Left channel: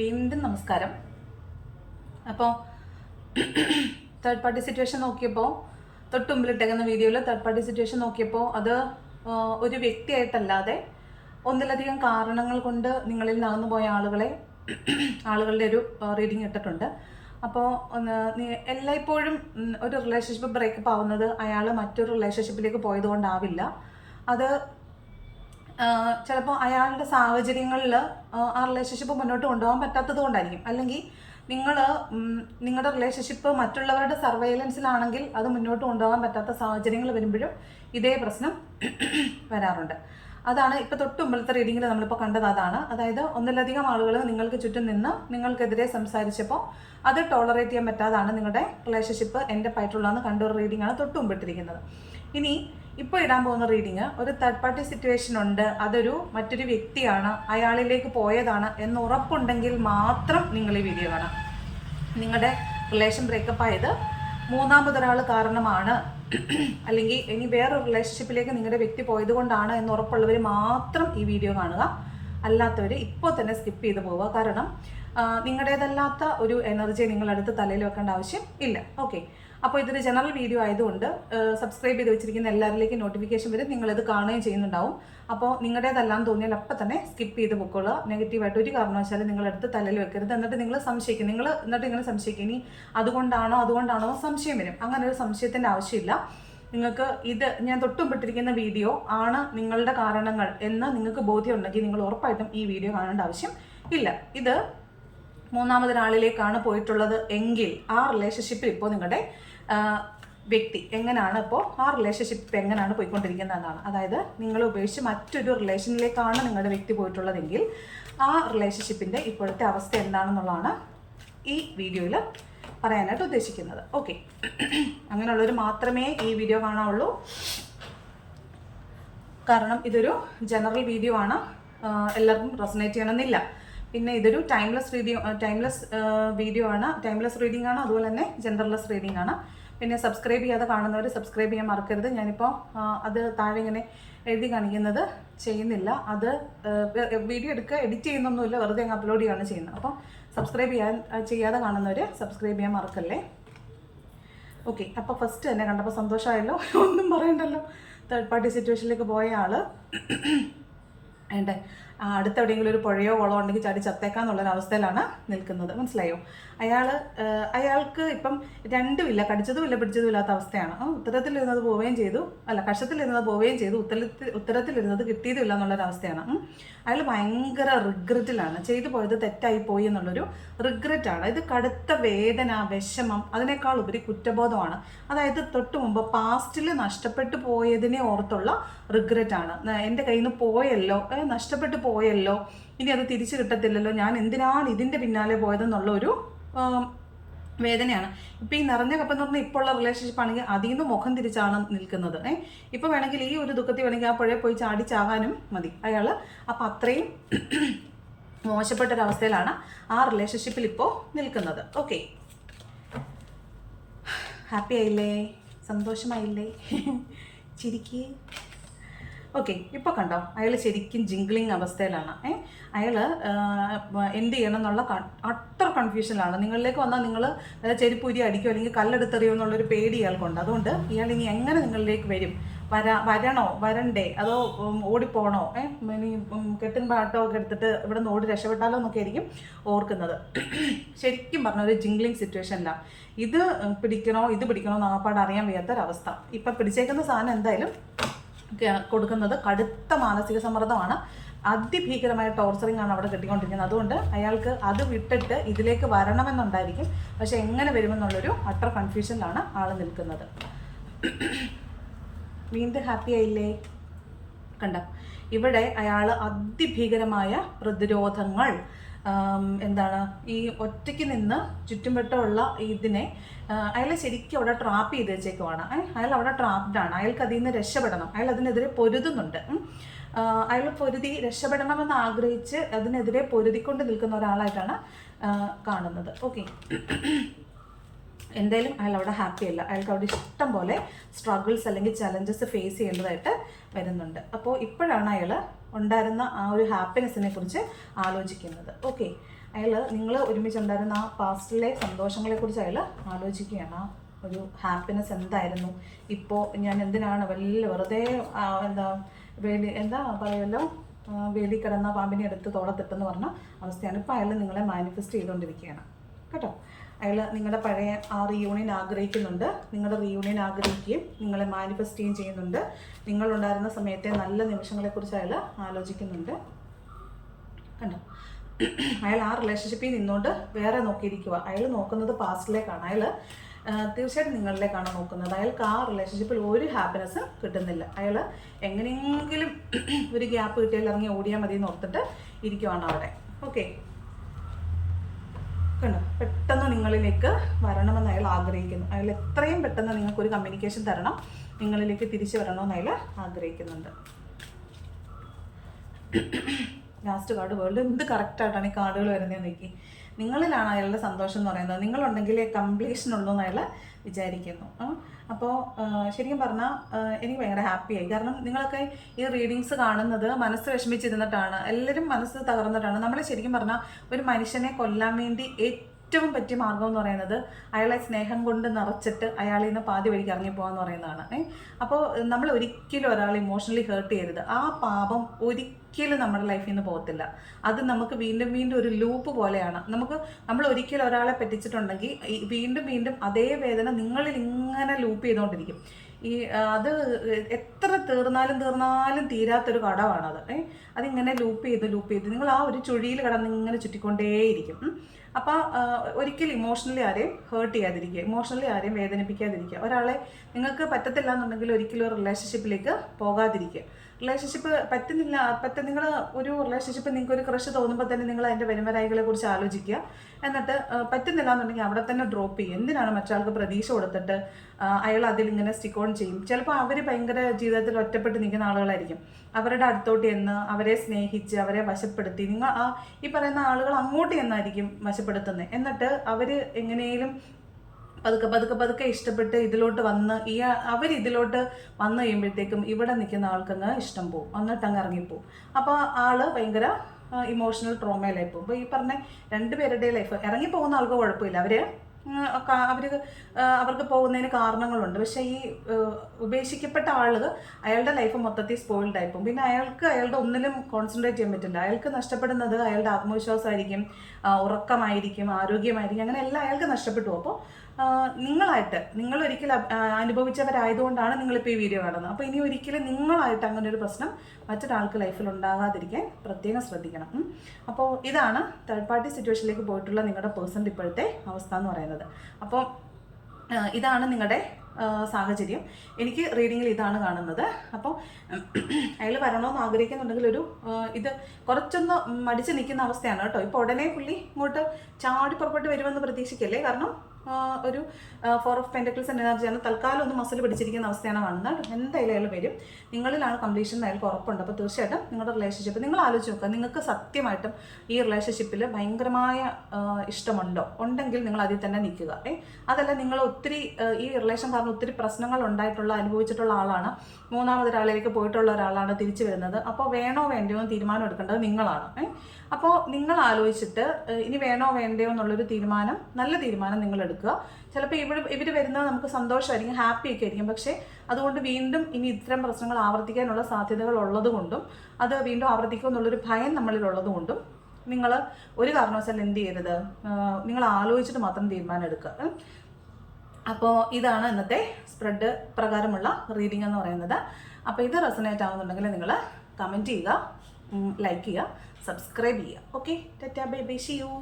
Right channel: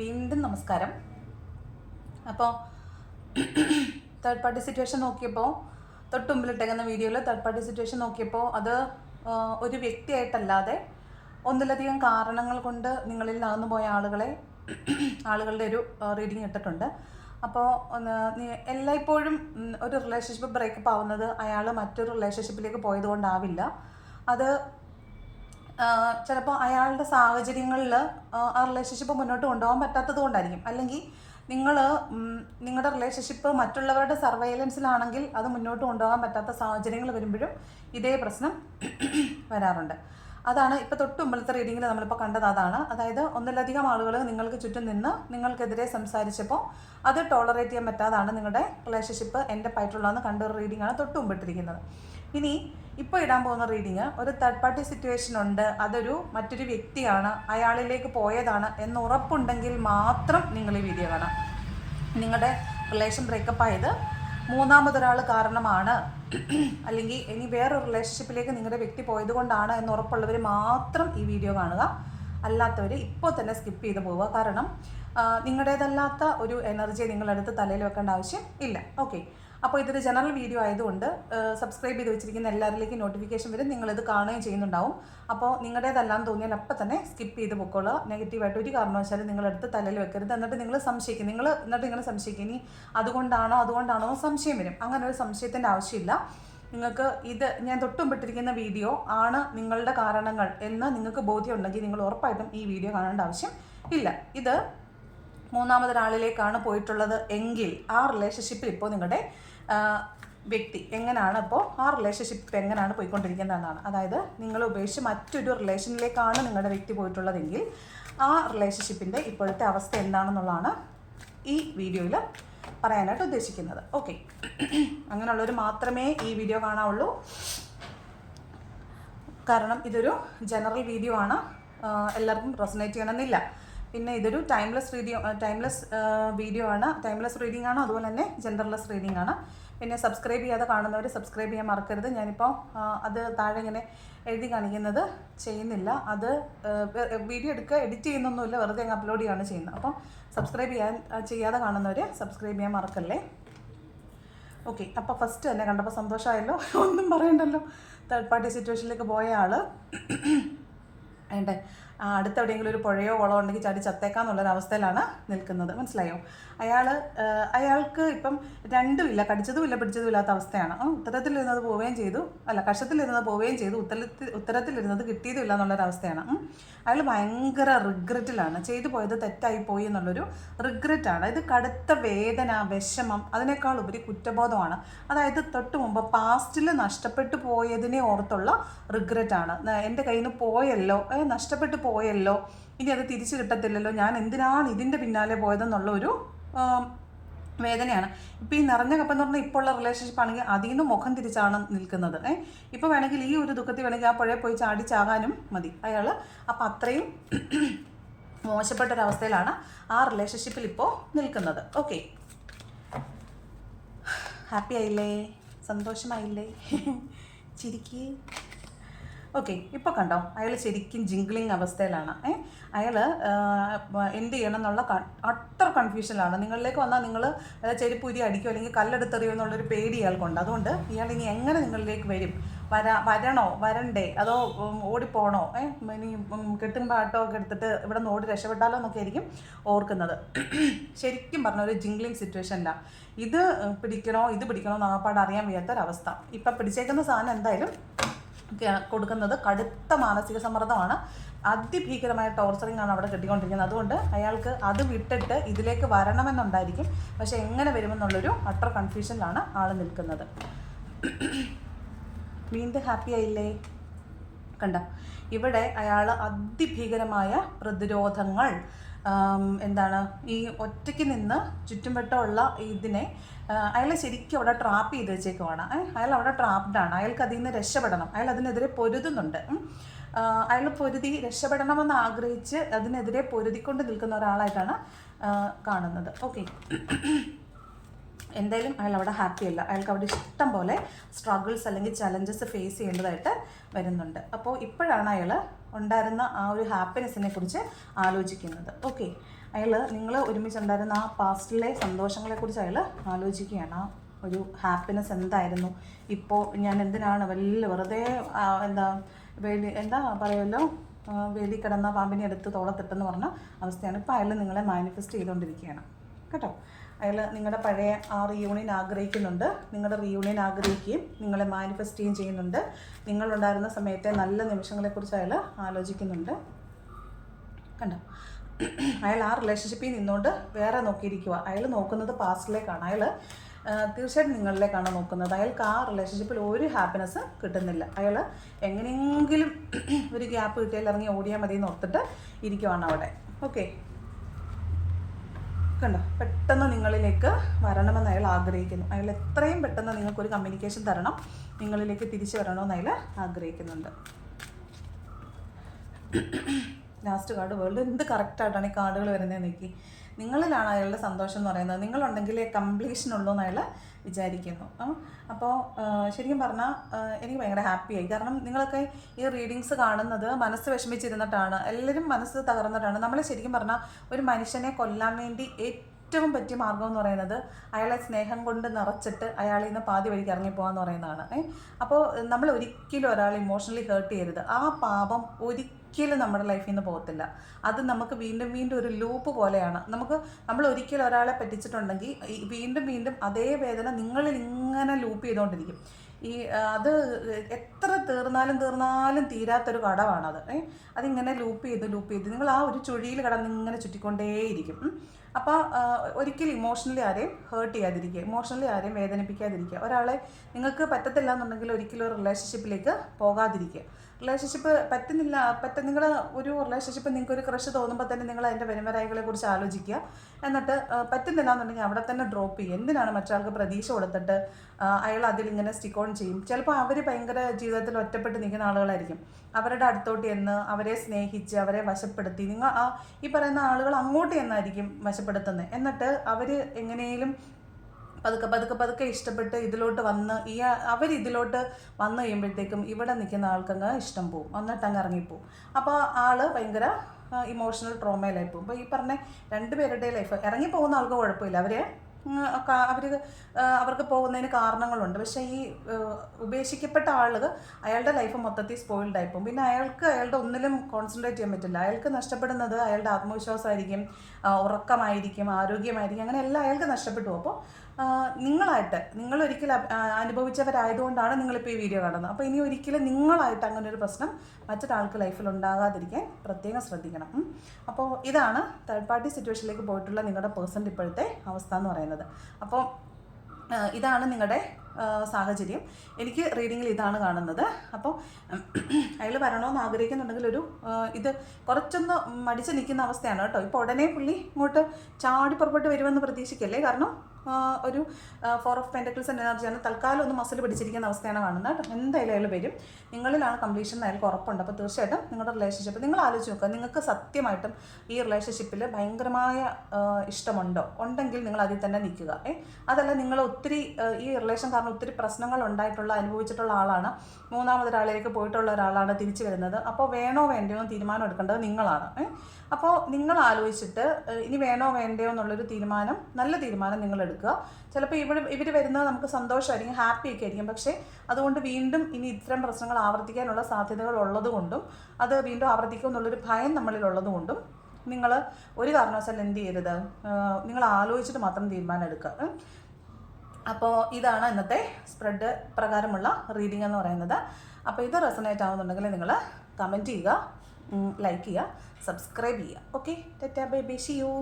വീണ്ടും നമസ്കാരം. അപ്പോൾ തേർഡ് പാർട്ടി സിറ്റുവേഷൻ നോക്കിയപ്പോൾ തൊട്ടുമ്പിലിട്ടേക്കുന്ന വീഡിയോയിൽ തേർഡ് പാർട്ടി സിറ്റുവേഷൻ നോക്കിയപ്പോൾ അത് ഒരു വ്യക്തിയായിട്ടല്ലാതെ ഒന്നിലധികം കാരണങ്ങൾ കൊണ്ട് നിങ്ങളിൽ നടന്നു പോയ ആളുകളെ ആളുകളുടെ ഒരു റീഡിങ് ഇട്ടിട്ടുണ്ട്. അപ്പോൾ എല്ലായ്പ്പോഴും ഒരു റിലേഷൻഷിപ്പ് ബ്രേക്കപ്പ് ആവുന്നത് അയാൾ മറ്റൊരു റിലേഷൻഷിപ്പിലേക്ക് പോയതുകൊണ്ടാവില്ല. അത് ചിലപ്പോൾ അയാളുടെ സാഹചര്യങ്ങളിൽ ആ റിലേഷൻഷിപ്പ് മുന്നോട്ട് കൊണ്ടുപോകാൻ പറ്റാത്തത് കൊണ്ടായിരിക്കും. അല്ലെങ്കിൽ നിങ്ങൾ നിങ്ങളുടെ റിലേഷൻഷിപ്പ് മറ്റുള്ളവരുടെ സർവൈലൻസിലാണെങ്കിൽ അത് മുന്നോട്ട് കൊണ്ടുപോകാൻ പറ്റാത്ത സാഹചര്യങ്ങൾ വരുമ്പോഴും ഇതേ പ്രശ്നം വരാറുണ്ട്. അതാണ് ഇപ്പോൾ തൊട്ട് മുമ്പിലത്തെ റീഡിങ്ങിൽ നമ്മളിപ്പോൾ കണ്ടത്. അതാണ്. അതായത് ഒന്നിലധികം ആളുകൾ നിങ്ങൾക്ക് ചുറ്റും നിന്ന് നിങ്ങൾക്കെതിരെ സംസാരിച്ചപ്പോൾ അത് ടോളറേറ്റ് ചെയ്യാൻ പറ്റാതാണ് നിങ്ങളുടെ റിലേഷൻഷിപ്പ് എന്റെ ആയിട്ടുള്ളതെന്ന് കണ്ടൊരു റീഡിങ്ങാണ് തൊട്ട് മുമ്പിട്ടിരിക്കുന്നത്. ഇനി ഇപ്പോൾ ഇടാൻ പോകുന്ന റീഡിങ് ഒരു തേർഡ് പാർട്ടി സിറ്റുവേഷൻ ഉണ്ട്. അതൊരു മറ്റൊരു വ്യക്തിയാണ്. അയാളിലേക്ക് പോയതാണ് എന്ന് ഉറപ്പുണ്ടെങ്കിൽ മാത്രം നിങ്ങൾ ഈ വീഡിയോ കാണാം നിങ്ങളുടെ റിലേഷൻ ബ്രേക്കപ്പ് ആയത് മൂന്നാമതൊരാൾ കാരണമാണ്. അല്ലെങ്കിൽ ഇനി വേറൊരു റിലേഷൻഷിപ്പിലേക്ക് നിങ്ങളുടെ വ്യക്തി പോയത് കൊണ്ടാണ് എന്ന് ഉറപ്പുള്ളവർ മാത്രം ഈ വീഡിയോ കാണുക. അല്ലാത്തവർ ഇപ്പോൾ തന്നെ സ്കിപ്പ് ചെയ്ത് പോവുക. കാരണം നിങ്ങളുടേതല്ലാത്ത ഒരു എനർജി നിങ്ങളെടുത്ത് തലയിൽ വെക്കേണ്ട ആവശ്യം ഇല്ല. ഓക്കെ അപ്പോൾ ഇതൊരു ജനറൽ വീഡിയോ ആയതുകൊണ്ട് സബ്സ്ക്രൈബ് ചെയ്ത് വെച്ചിരിക്കുന്ന എല്ലാവരിലേക്കും നോട്ടിഫിക്കേഷൻ വരും. നിങ്ങളിത് കാണുകയും ചെയ്യുന്നുണ്ടാവും. അപ്പോൾ നിങ്ങളുടേതല്ലാന്ന് തോന്നിയാൽ അപ്പം തന്നെ സ്കിപ്പ് ചെയ്ത് പൊക്കോളുക. നെഗറ്റീവായിട്ട് ഒരു കാരണവശാലും നിങ്ങളെടുത്ത് തലയിൽ വെക്കരുത്. എന്നിട്ട് നിങ്ങൾ സംശയിക്കും. നിങ്ങൾ എന്നിട്ട് നിങ്ങൾ സംശയിക്കും. ഇനി അതുകൊണ്ടാണോ അതുകൊണ്ടാണോ സംശയം വരും. അങ്ങനെ ഒരു സംശയത്തിന്റെ ആവശ്യമില്ല. നിങ്ങൾക്ക് ഇത് ഞാൻ തൊട്ടുമ്പിട്ടിരിക്കുന്ന വീഡിയോ ആണ് നിങ്ങളുടെ കാരണങ്ങൾ എന്ന് നിങ്ങൾക്ക് ബോധ്യമുണ്ടെങ്കിൽ നിങ്ങൾ ഉറപ്പായിട്ടും ഈ വീഡിയോ കാണേണ്ട ആവശ്യം ഇല്ല. ഇത് മൂന്നാമതൊരാളിലേക്കാണ് പോയിട്ടുള്ളത് എങ്കിൽ ആ റിലേഷൻഷിപ്പിൽ ഇപ്പോൾ നിങ്ങളുടെ വ്യക്തി എങ്ങനെയാണ് ഇപ്പോൾ ആ റിലേഷൻഷിപ്പ് എങ്ങനെയാണ് പോയിക്കൊണ്ടിരിക്കുന്നത് എന്നാണ് അതായത് നിങ്ങൾ ഉപേക്ഷിച്ച് മറ്റൊരു റിലേഷനിലേക്കാണ് നിങ്ങളുടെ വ്യക്തി പോയിട്ടുള്ളതെങ്കിൽ ആ റിലേഷൻഷിപ്പിന്റെ ഇപ്പോഴത്തെ അവസ്ഥ എന്താണെന്നുള്ളതാണ് ഈ വീഡിയോയിൽ പറയാനായിട്ട് ഉദ്ദേശിക്കുന്നത്. ഓക്കെ അങ്ങനെയുള്ളവർ മാത്രമേ ഈ വീഡിയോ കാണാവുള്ളൂ. കാരണം ഇതൊരു ജനറൽ വീഡിയോ ആണ്. എല്ലാവർക്കും റെസനേറ്റ് ചെയ്യണമെന്നില്ല. പിന്നെ ഇതൊരു ടൈംലെസ് റീഡിയോ ടൈംലെസ് വീഡിയോ ആണ്. ടൈംലെസ് റീഡിംഗ് ആണ് അതുപോലെ തന്നെ ജെൻഡർലെസ് റീഡിംഗ് ആണ്. പിന്നെ സബ്സ്ക്രൈബ് ചെയ്യാതെ കാണുന്നവർ സബ്സ്ക്രൈബ് ചെയ്യാൻ മറക്കരുത്. ഞാനിപ്പോൾ അത് താഴെ ഇങ്ങനെ എഴുതി കാണിക്കുന്നത് ചെയ്യുന്നില്ല. അത് വീഡിയോ എടുക്കുക എഡിറ്റ് ചെയ്യുന്നൊന്നുമില്ല. വെറുതെ അങ്ങ് അപ്ലോഡ് ചെയ്യുകയാണ് ചെയ്യുന്നത്. അപ്പം സബ്സ്ക്രൈബ് ചെയ്യാൻ ചെയ്യാതെ കാണുന്നവർ സബ്സ്ക്രൈബ് ചെയ്യാൻ മറക്കല്ലേ? ഓക്കെ അപ്പോൾ ഫസ്റ്റ് തന്നെ കണ്ടപ്പോൾ സന്തോഷമായല്ലോ. ഒന്നും പറയണ്ടല്ലോ. തേർഡ് പാർട്ടി സിറ്റുവേഷനിലേക്ക് പോയ ആൾ വേണ്ടേ അടുത്ത് എവിടെയെങ്കിലും ഒരു പുഴയോ കുളമോ ഉണ്ടെങ്കിൽ ചാടി ചത്തേക്കാന്നുള്ളൊരു അവസ്ഥയിലാണ് നിൽക്കുന്നത്. മനസ്സിലായോ? അയാൾ അയാൾക്ക് ഇപ്പം രണ്ടുമില്ല കടിച്ചതുമില്ല പിടിച്ചതും ഇല്ലാത്ത അവസ്ഥയാണ് ഉത്തരത്തിലിരുന്നത് പോവുകയും ചെയ്തു. അല്ല കഷത്തിൽ ഇരുന്നത് പോവുകയും ചെയ്തു. ഉത്തരത്തിൽ ഉത്തരത്തിലിരുന്നത് കിട്ടിയതുമില്ല എന്നുള്ളൊരവസ്ഥയാണ് അവസ്ഥയാണ്. അയാൾ ഭയങ്കര റിഗ്രറ്റിലാണ്. ചെയ്തു പോയത് തെറ്റായി പോയി എന്നുള്ളൊരു റിഗ്രറ്റാണ്. ഇത് കടുത്ത വേദന വിഷമം അതിനേക്കാൾ ഉപരി കുറ്റബോധമാണ്. അതായത് തൊട്ട് മുമ്പ് പാസ്റ്റിൽ നഷ്ടപ്പെട്ടു പോയതിനെ ഓർത്തുള്ള റിഗ്രറ്റാണ്. എന്റെ കയ്യിൽ നിന്ന് പോയല്ലോ നഷ്ടപ്പെട്ടു പോയല്ലോ. ഇനി അത് തിരിച്ചു കിട്ടത്തില്ലല്ലോ. ഞാൻ എന്തിനാണ് ഇതിന്റെ പിന്നാലെ പോയതെന്നുള്ള ഒരു വേദനയാണ്. ഇപ്പം ഈ നിറഞ്ഞ കപ്പം എന്ന് പറഞ്ഞാൽ ഇപ്പോൾ ഉള്ള റിലേഷൻഷിപ്പ് ആണെങ്കിൽ അതിൽ നിന്ന് മുഖം തിരിച്ചാണ് നിൽക്കുന്നത്. ഏ ഇപ്പോൾ വേണമെങ്കിൽ ഈ ഒരു ദുഃഖത്തിൽ വേണമെങ്കിൽ ആ പുഴയിൽ പോയി ചാടിച്ചാകാനും മതി. അയാൾ അപ്പം അത്രയും മോശപ്പെട്ടൊരവസ്ഥയിലാണ് ആ റിലേഷൻഷിപ്പിൽ ഇപ്പോൾ നിൽക്കുന്നത്. ഓക്കെ. ഹാപ്പി ആയില്ലേ? സന്തോഷമായില്ലേ? ചിരിക്ക്. ഓക്കെ ഇപ്പോൾ കണ്ടോ? അയാൾ ശരിക്കും ജിംഗ്ലിംഗ് അവസ്ഥയിലാണ്. ഏ അയാൾ എന്ത് ചെയ്യണം എന്നുള്ള അത്ര കൺഫ്യൂഷനിലാണ് നിങ്ങളിലേക്ക് വന്നാൽ നിങ്ങൾ ചെരുപ്പൂരി അടിക്കോ അല്ലെങ്കിൽ കല്ലെടുത്തെറിയോ എന്നുള്ളൊരു പേടി ഇയാൾക്കുണ്ട്. അതുകൊണ്ട് ഇയാൾ ഇനി എങ്ങനെ നിങ്ങളിലേക്ക് വരും? വരാ വരണോ? വരണ്ടേ? അതോ ഓടിപ്പോണോ? ഏ ഇനി കെട്ടും പാട്ടോ ഒക്കെ എടുത്തിട്ട് ഇവിടെ നിന്ന് ഓടി രക്ഷപ്പെട്ടാലോ എന്നൊക്കെ ആയിരിക്കും ഓർക്കുന്നത്. ശരിക്കും പറഞ്ഞ ഒരു സിറ്റുവേഷൻ സിറ്റുവേഷനിലാണ് ഇത് പിടിക്കണോ? ഇത് പിടിക്കണോ? നാപ്പാട് അറിയാൻ വയ്യാത്തൊരവസ്ഥ. ഇപ്പം പിടിച്ചേക്കുന്ന സാധനം എന്തായാലും കൊടുക്കുന്നത് കടുത്ത മാനസിക സമ്മർദ്ദമാണ്. അതിഭീകരമായ ടോർച്ചറിങ് ആണ് അവിടെ കിട്ടിക്കൊണ്ടിരിക്കുന്നത്. അതുകൊണ്ട് അയാൾക്ക് അത് വിട്ടിട്ട് ഇതിലേക്ക് വരണമെന്നുണ്ടായിരിക്കും. പക്ഷെ എങ്ങനെ വരുമെന്നുള്ളൊരു അട്ടർ കൺഫ്യൂഷനിലാണ് ആൾ നിൽക്കുന്നത്. വീണ്ടും ഹാപ്പി ആയില്ലേ? കണ്ട? ഇവിടെ അയാൾ അതിഭീകരമായ പ്രതിരോധങ്ങൾ എന്താണ്? ഈ ഒറ്റയ്ക്ക് നിന്ന് ചുറ്റുംവട്ടമുള്ള ഇതിനെ അയാളെ ശരിക്കും അവിടെ ട്രാപ്പ് ചെയ്ത് വെച്ചേക്കുവാണ്. അയാൾ അവിടെ ട്രാപ്ഡാണ് അയാൾക്ക് അതിൽ നിന്ന് രക്ഷപ്പെടണം. അയാൾ അതിനെതിരെ പൊരുതുന്നുണ്ട്. അയാൾ പൊരുതി രക്ഷപ്പെടണമെന്ന് ആഗ്രഹിച്ച് അതിനെതിരെ പൊരുതിക്കൊണ്ട് നിൽക്കുന്ന ഒരാളായിട്ടാണ് കാണുന്നത്. ഓക്കെ എന്തായാലും അയാൾ അവിടെ ഹാപ്പി അല്ല. അയാൾക്ക് അവിടെ ഇഷ്ടം പോലെ സ്ട്രഗിൾസ് അല്ലെങ്കിൽ ചലഞ്ചസ് ഫേസ് ചെയ്യേണ്ടതായിട്ട് വരുന്നുണ്ട്. അപ്പോൾ ഇപ്പോഴാണ് അയാൾ ഉണ്ടായിരുന്ന ആ ഒരു ഹാപ്പിനെസ്സിനെ കുറിച്ച് ആലോചിക്കുന്നത്. ഓക്കെ അയാൾ നിങ്ങൾ ഒരുമിച്ചുണ്ടായിരുന്ന ആ പാസ്റ്റിലെ സന്തോഷങ്ങളെക്കുറിച്ച് അയാൾ ആലോചിക്കുകയാണ്. ആ ഒരു ഹാപ്പിനെസ് എന്തായിരുന്നു? ഇപ്പോൾ ഞാൻ എന്തിനാണ് വല്ല വെറുതെ എന്താ വേലി എന്താ പറയുമല്ലോ വേലി കിടന്ന പാമ്പിനെ എടുത്ത് തോളത്തിട്ടെന്ന് പറഞ്ഞ അവസ്ഥയാണ് ഇപ്പോൾ അയാൾ നിങ്ങളെ മാനിഫെസ്റ്റ് ചെയ്തുകൊണ്ടിരിക്കുകയാണ് കേട്ടോ? അയാൾ നിങ്ങളുടെ പഴയ ആ റീയൂണിയൻ ആഗ്രഹിക്കുന്നുണ്ട്. നിങ്ങളുടെ റീയൂണിയൻ ആഗ്രഹിക്കുകയും നിങ്ങളെ മാനിഫെസ്റ്റ് ചെയ്യുകയും ചെയ്യുന്നുണ്ട്. നിങ്ങളുണ്ടായിരുന്ന സമയത്തെ നല്ല നിമിഷങ്ങളെക്കുറിച്ച് അയാൾ ആലോചിക്കുന്നുണ്ട്. കണ്ടോ? അയാൾ ആ റിലേഷൻഷിപ്പിൽ നിന്നുകൊണ്ട് വേറെ നോക്കിയിരിക്കുക അയാൾ നോക്കുന്നത് പാസ്റ്റിലേക്കാണ് അയാൾ തീർച്ചയായിട്ടും നിങ്ങളിലേക്കാണ് നോക്കുന്നത്. അയാൾക്ക് ആ റിലേഷൻഷിപ്പിൽ ഒരു ഹാപ്പിനെസ് കിട്ടുന്നില്ല. അയാൾ എങ്ങനെയെങ്കിലും ഒരു ഗ്യാപ്പ് കിട്ടിയാൽ ഇറങ്ങി ഓടിയാൽ മതി എന്ന് ഓർത്തിട്ട് ഇരിക്കുവാണ് അവിടെ. ഓക്കെ കണ്ടോ? പെട്ടെന്ന് നിങ്ങളിലേക്ക് വരണമെന്ന് അയാൾ ആഗ്രഹിക്കുന്നു. അയാൾ എത്രയും പെട്ടെന്ന് നിങ്ങൾക്കൊരു കമ്മ്യൂണിക്കേഷൻ തരണം. നിങ്ങളിലേക്ക് തിരിച്ചു വരണമെന്ന് അയാൾ ആഗ്രഹിക്കുന്നുണ്ട്. ലാസ്റ്റ് കാർഡ് വേൾഡ് എന്ത് കറക്റ്റായിട്ടാണ് ഈ കാർഡുകൾ വരുന്നത് നോക്കി. നിങ്ങളിലാണ് അയാളുടെ സന്തോഷം എന്ന് പറയുന്നത്. നിങ്ങളുണ്ടെങ്കിൽ കംപ്ലീഷൻ ഉള്ളൂ എന്ന് അയാൾ വിചാരിക്കുന്നു. അപ്പോൾ ശരിക്കും പറഞ്ഞാൽ എനിക്ക് ഭയങ്കര ഹാപ്പിയായി കാരണം നിങ്ങളൊക്കെ ഈ റീഡിങ്സ് കാണുന്നത് മനസ്സ് വിഷമിച്ചിരുന്നിട്ടാണ്. എല്ലാവരും മനസ്സ് തകർന്നിട്ടാണ്. നമ്മൾ ശരിക്കും പറഞ്ഞാൽ ഒരു മനുഷ്യനെ കൊല്ലാൻ വേണ്ടി ഏറ്റവും പറ്റിയ മാർഗം എന്ന് പറയുന്നത് അയാളെ സ്നേഹം കൊണ്ട് നിറച്ചിട്ട് അയാളിൽ നിന്ന് പാതി വഴിക്ക് ഇറങ്ങിപ്പോകാന്ന് പറയുന്നതാണ്. അപ്പോൾ നമ്മൾ ഒരിക്കലും ഒരാൾ ഇമോഷണലി ഹേർട്ട് ചെയ്യരുത്. ആ പാപം ഒരിക്കലും നമ്മുടെ ലൈഫിൽ നിന്ന് പോകത്തില്ല. അത് നമുക്ക് വീണ്ടും വീണ്ടും ഒരു ലൂപ്പ് പോലെയാണ്. നമുക്ക് നമ്മൾ ഒരിക്കലും ഒരാളെ പറ്റിച്ചിട്ടുണ്ടെങ്കിൽ വീണ്ടും വീണ്ടും അതേ വേദന നിങ്ങളിൽ ഇങ്ങനെ ലൂപ്പ് ചെയ്തുകൊണ്ടിരിക്കും. ഈ അത് എത്ര തീർന്നാലും തീർന്നാലും തീരാത്തൊരു കടമാണത് ഏ അതിങ്ങനെ ലൂപ്പ് ചെയ്ത് ലൂപ്പ് ചെയ്ത് നിങ്ങൾ ആ ഒരു ചുഴിയിൽ കടന്ന് ഇങ്ങനെ ചുറ്റിക്കൊണ്ടേയിരിക്കും. അപ്പോൾ ഒരിക്കലും ഇമോഷണലി ആരെയും ഹേർട്ട് ചെയ്യാതിരിക്കുക ഇമോഷണലി ആരെയും വേദനിപ്പിക്കാതിരിക്കുക. ഒരാളെ നിങ്ങൾക്ക് പറ്റത്തില്ല എന്നുണ്ടെങ്കിൽ ഒരിക്കലും ഒരു റിലേഷൻഷിപ്പിലേക്ക് പോകാതിരിക്കുക. റിലേഷൻഷിപ്പ് പറ്റുന്നില്ല പറ്റ നിങ്ങൾ ഒരു റിലേഷൻഷിപ്പ് നിങ്ങൾക്ക് ഒരു ക്രഷ് തോന്നുമ്പോൾ തന്നെ നിങ്ങൾ അതിന്റെ വരുമരായികളെ കുറിച്ച് ആലോചിക്കുക. എന്നിട്ട് പറ്റുന്നില്ല എന്നുണ്ടെങ്കിൽ അവിടെ തന്നെ ഡ്രോപ്പ് ചെയ്യും എന്തിനാണ് മറ്റൊരാൾക്ക് പ്രതീക്ഷ കൊടുത്തിട്ട് അയാൾ അതിലിങ്ങനെ സ്റ്റിക്ക് ഓൺ ചെയ്യും? ചിലപ്പോൾ അവർ ഭയങ്കര ജീവിതത്തിൽ ഒറ്റപ്പെട്ട് നിൽക്കുന്ന ആളുകളായിരിക്കും. അവരുടെ അടുത്തോട്ട് എന്ന് അവരെ സ്നേഹിച്ച് അവരെ വശപ്പെടുത്തി നിങ്ങൾ ഈ പറയുന്ന ആളുകൾ അങ്ങോട്ട് എന്നായിരിക്കും വശപ്പെടുത്തുന്നത്. എന്നിട്ട് അവർ എങ്ങനെയും പതുക്കെ പതുക്കെ പതുക്കെ ഇഷ്ടപ്പെട്ട് ഇതിലോട്ട് വന്ന് ഈ അവർ ഇതിലോട്ട് വന്നു കഴിയുമ്പോഴത്തേക്കും ഇവിടെ നിൽക്കുന്ന ആൾക്കങ്ങ് ഇഷ്ടം പോവും. വന്നിട്ട് അങ്ങ് ഇറങ്ങിപ്പോവും. അപ്പോൾ ആൾ ഭയങ്കര ഇമോഷണൽ ട്രോമയിലായി പോകും. അപ്പോൾ ഈ പറഞ്ഞ രണ്ടുപേരുടെ ലൈഫ് ഇറങ്ങി പോകുന്ന ആൾക്ക് കുഴപ്പമില്ല. അവർ അവർ അവർക്ക് പോകുന്നതിന് കാരണങ്ങളുണ്ട്. പക്ഷേ ഈ ഉപേക്ഷിക്കപ്പെട്ട ആൾ അയാളുടെ ലൈഫ് മൊത്തത്തിൽ സ്പോയിൽഡ് ആയി പോകും. പിന്നെ അയാൾക്ക് അയാളുടെ ഒന്നിലും കോൺസെൻട്രേറ്റ് ചെയ്യാൻ പറ്റില്ല. അയാൾക്ക് നഷ്ടപ്പെടുന്നത് അയാളുടെ ആത്മവിശ്വാസമായിരിക്കും ഉറക്കമായിരിക്കും ആരോഗ്യമായിരിക്കും അങ്ങനെ എല്ലാം അയാൾക്ക് നഷ്ടപ്പെട്ടു അപ്പോൾ നിങ്ങളായിട്ട് നിങ്ങൾ ഒരിക്കലും അനുഭവിച്ചവരായതുകൊണ്ടാണ് നിങ്ങളിപ്പോൾ ഈ വീഡിയോ കാണുന്നത്. അപ്പോൾ ഇനി ഒരിക്കലും നിങ്ങളായിട്ട് അങ്ങനെ ഒരു പ്രശ്നം മറ്റൊരാൾക്ക് ലൈഫിൽ ഉണ്ടാകാതിരിക്കാൻ പ്രത്യേകം ശ്രദ്ധിക്കണം. അപ്പോൾ ഇതാണ് തേർഡ് പാർട്ടി സിറ്റുവേഷനിലേക്ക് പോയിട്ടുള്ള നിങ്ങളുടെ പേഴ്സന്റെ ഇപ്പോഴത്തെ അവസ്ഥ എന്ന് പറയുന്നത്. അപ്പോൾ ഇതാണ് നിങ്ങളുടെ സാഹചര്യം. എനിക്ക് റീഡിങ്ങിൽ ഇതാണ് കാണുന്നത്. അപ്പോൾ അയാൾ വരണമെന്ന് ആഗ്രഹിക്കുന്നുണ്ടെങ്കിൽ ഒരു ഇത് കുറച്ചൊന്ന് മടിച്ച് നിൽക്കുന്ന അവസ്ഥയാണ് കേട്ടോ. ഇപ്പോൾ ഉടനെ പുള്ളി ഇങ്ങോട്ട് ചാടി പുറപ്പെട്ട് വരുമെന്ന് പ്രതീക്ഷിക്കല്ലേ? കാരണം ഒരു ഫോർ ഓഫ് പെന്റക്കിൾസ് എനർജിയാണ് തൽക്കാലം ഒന്ന് മസിൽ പിടിച്ചിരിക്കുന്ന അവസ്ഥയാണ് കാണുന്നത് കേട്ടോ. എന്തായാലും അയാൾ വരും. നിങ്ങളിലാണ് കംപ്ലീഷൻ അയാൾക്ക് ഉറപ്പുണ്ട്. അപ്പോൾ തീർച്ചയായിട്ടും നിങ്ങളുടെ റിലേഷൻഷിപ്പ് നിങ്ങൾ ആലോചിച്ച് നോക്കുക. നിങ്ങൾക്ക് സത്യമായിട്ടും ഈ റിലേഷൻഷിപ്പിൽ ഭയങ്കരമായ ഇഷ്ടമുണ്ടോ? ഉണ്ടെങ്കിൽ നിങ്ങൾ അതിൽ തന്നെ നിൽക്കുക. ഏ അതല്ല നിങ്ങൾ ഒത്തിരി ഈ റിലേഷൻ കാരണം ഒത്തിരി പ്രശ്നങ്ങൾ ഉണ്ടായിട്ടുള്ള അനുഭവിച്ചിട്ടുള്ള ആളാണ്. മൂന്നാമതൊരാളിലേക്ക് പോയിട്ടുള്ള ഒരാളാണ് തിരിച്ചു വരുന്നത്. അപ്പോൾ വേണോ വേണ്ടയോ എന്ന് തീരുമാനം എടുക്കേണ്ടത് നിങ്ങളാണ്. ഏ അപ്പോൾ നിങ്ങൾ ആലോചിച്ചിട്ട് ഇനി വേണോ വേണ്ടയോ എന്നുള്ളൊരു തീരുമാനം നല്ല തീരുമാനം നിങ്ങൾ എടുക്കുക. ചിലപ്പോൾ ഇവിടെ ഇവർ വരുന്നത് നമുക്ക് സന്തോഷമായിരിക്കും ഹാപ്പി ഒക്കെ ആയിരിക്കും പക്ഷേ അതുകൊണ്ട് വീണ്ടും ഇനി ഇത്തരം പ്രശ്നങ്ങൾ ആവർത്തിക്കാനുള്ള സാധ്യതകൾ ഉള്ളതുകൊണ്ടും അത് വീണ്ടും ആവർത്തിക്കും എന്നുള്ളൊരു ഭയം നമ്മളിൽ ഉള്ളതുകൊണ്ടും നിങ്ങൾ ഒരു കാരണവശാലും എന്ത് ചെയ്യരുത്. നിങ്ങൾ ആലോചിച്ചിട്ട് മാത്രം തീരുമാനം എടുക്കുക. അപ്പോൾ ഇതാണ് ഇന്നത്തെ സ്പ്രെഡ് പ്രകാരമുള്ള റീഡിംഗ് എന്ന് പറയുന്നത്. അപ്പോൾ ഇത് റെസനേറ്റ് ആകുന്നുണ്ടെങ്കിൽ നിങ്ങൾ കമന്റ് ചെയ്യുക ലൈക്ക് ചെയ്യുക സബ്സ്ക്രൈബ് ചെയ്യുക. ഓക്കെ? ടെറ്റാ ബൈ ബൈ ഷി യു.